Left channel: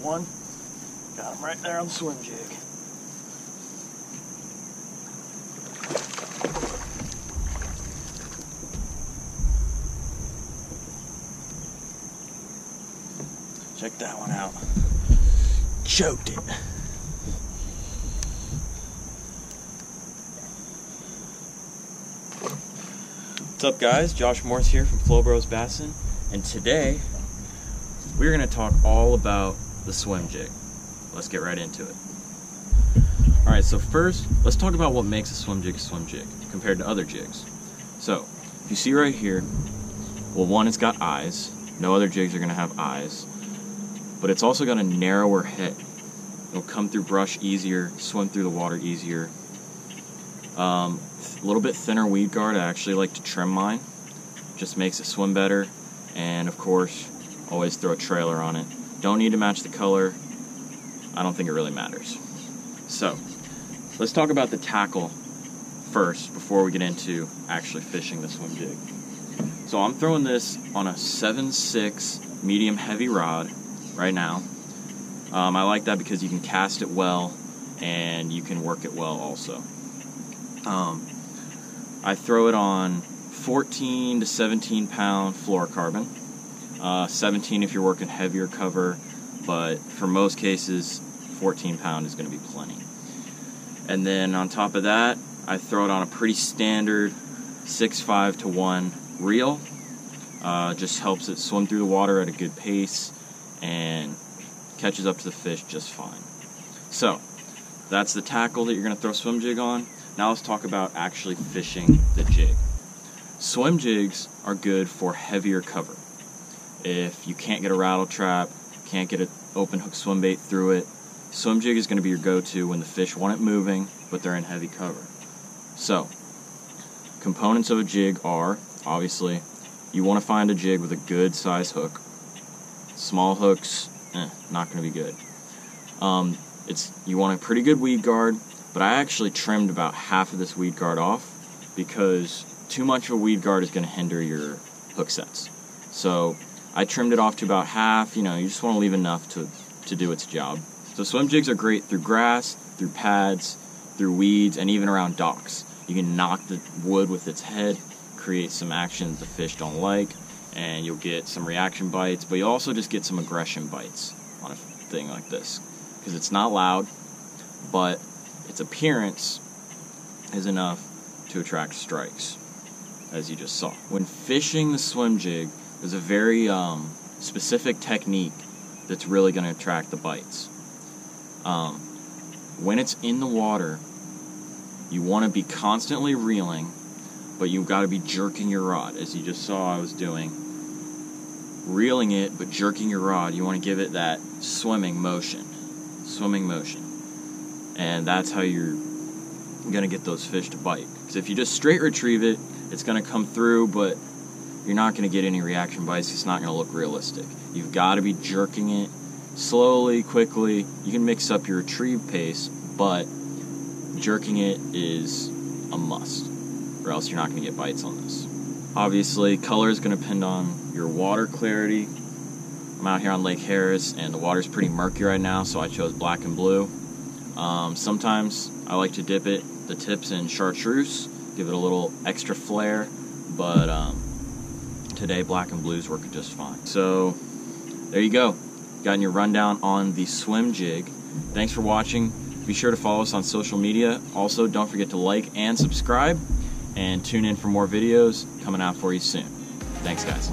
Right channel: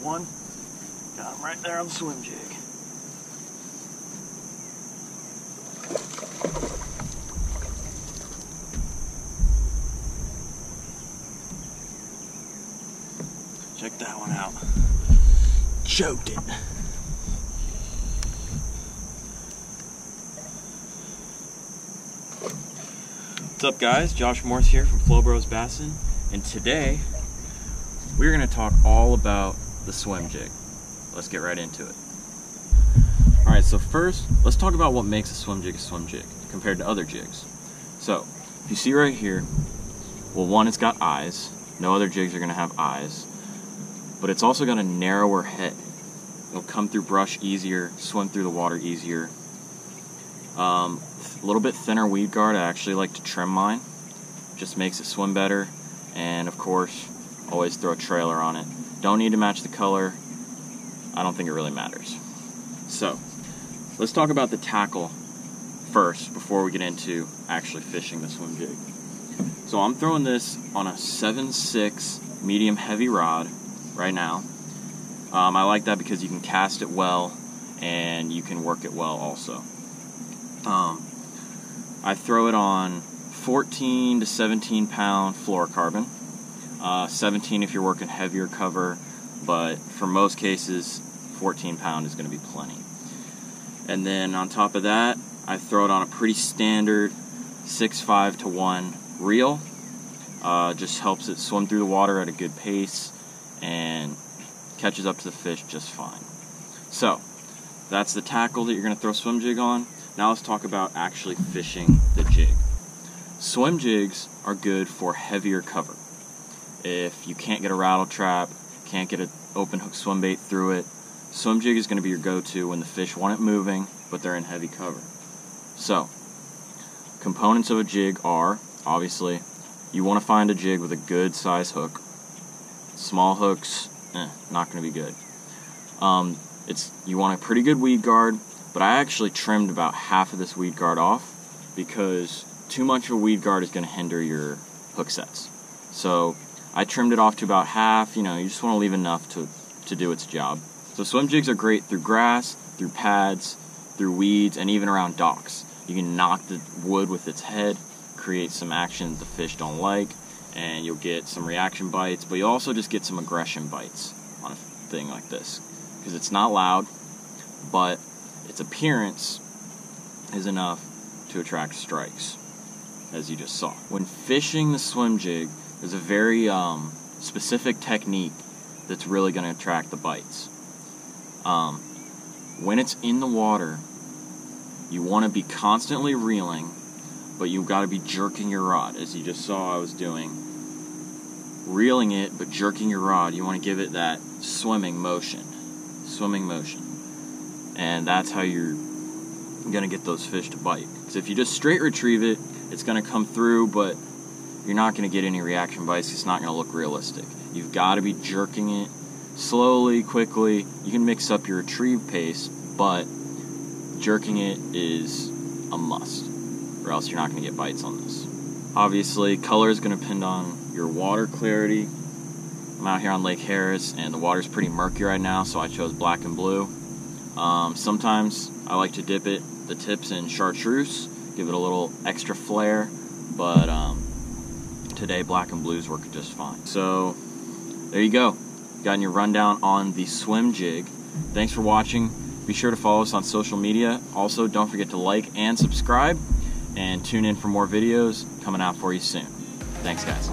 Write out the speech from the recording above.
First one, got him right there on the swim jig. Check that one out. Choked it. What's up guys, Josh Morse here from FLoBros Bassin, and today we're going to talk all about the swim jig. Let's get right into it. Alright, so first, let's talk about what makes a swim jig compared to other jigs. So, if you see right here, well, one, it's got eyes. No other jigs are going to have eyes. But it's also got a narrower head. It'll come through brush easier, swim through the water easier. A little bit thinner weed guard. I actually like to trim mine. Just makes it swim better. And of course, always throw a trailer on it. Don't need to match the color. I don't think it really matters. So, let's talk about the tackle first before we get into actually fishing the swim jig. So I'm throwing this on a 7/6 medium heavy rod right now. I like that because you can cast it well and you can work it well also. I throw it on 14 to 17 pound fluorocarbon. 17 if you're working heavier cover, but for most cases 14 pound is going to be plenty. And then on top of that, I throw it on a pretty standard 6.5 to 1 reel. Just helps it swim through the water at a good pace and catches up to the fish just fine. So that's the tackle that you're going to throw swim jig on. Now let's talk about actually fishing the jig. Swim jigs are good for heavier cover. If you can't get a rattle trap, can't get an open hook swim bait through it, swim jig is going to be your go-to when the fish want it moving, but they're in heavy cover. So, components of a jig are, obviously, you want to find a jig with a good size hook. Small hooks, not going to be good. You want a pretty good weed guard, but I actually trimmed about half of this weed guard off because too much of a weed guard is going to hinder your hook sets. So I trimmed it off to about half. You just want to leave enough to do its job. So swim jigs are great through grass, through pads, through weeds, and even around docks. You can knock the wood with its head, create some action that the fish don't like, and you'll get some reaction bites, but you'll also just get some aggression bites on a thing like this because it's not loud, but its appearance is enough to attract strikes, as you just saw. When fishing the swim jig, there's a very specific technique that's really going to attract the bites. When it's in the water, you want to be constantly reeling, but you've got to be jerking your rod, as you just saw I was doing. Reeling it, but jerking your rod, you want to give it that swimming motion. And that's how you're going to get those fish to bite. Because if you just straight retrieve it, it's going to come through, but you're not going to get any reaction bites. It's not going to look realistic. You've got to be jerking it slowly, quickly. You can mix up your retrieve pace, but jerking it is a must, or else you're not going to get bites on this. Obviously, color is going to depend on your water clarity. I'm out here on Lake Harris, and the water's pretty murky right now, so I chose black and blue. Sometimes I like to dip the tips in chartreuse, give it a little extra flair, but today black and blues work just fine. So there you go. Gotten your rundown on the swim jig. Thanks for watching. Be sure to follow us on social media. Also, don't forget to like and subscribe, and tune in for more videos coming out for you soon. Thanks, guys.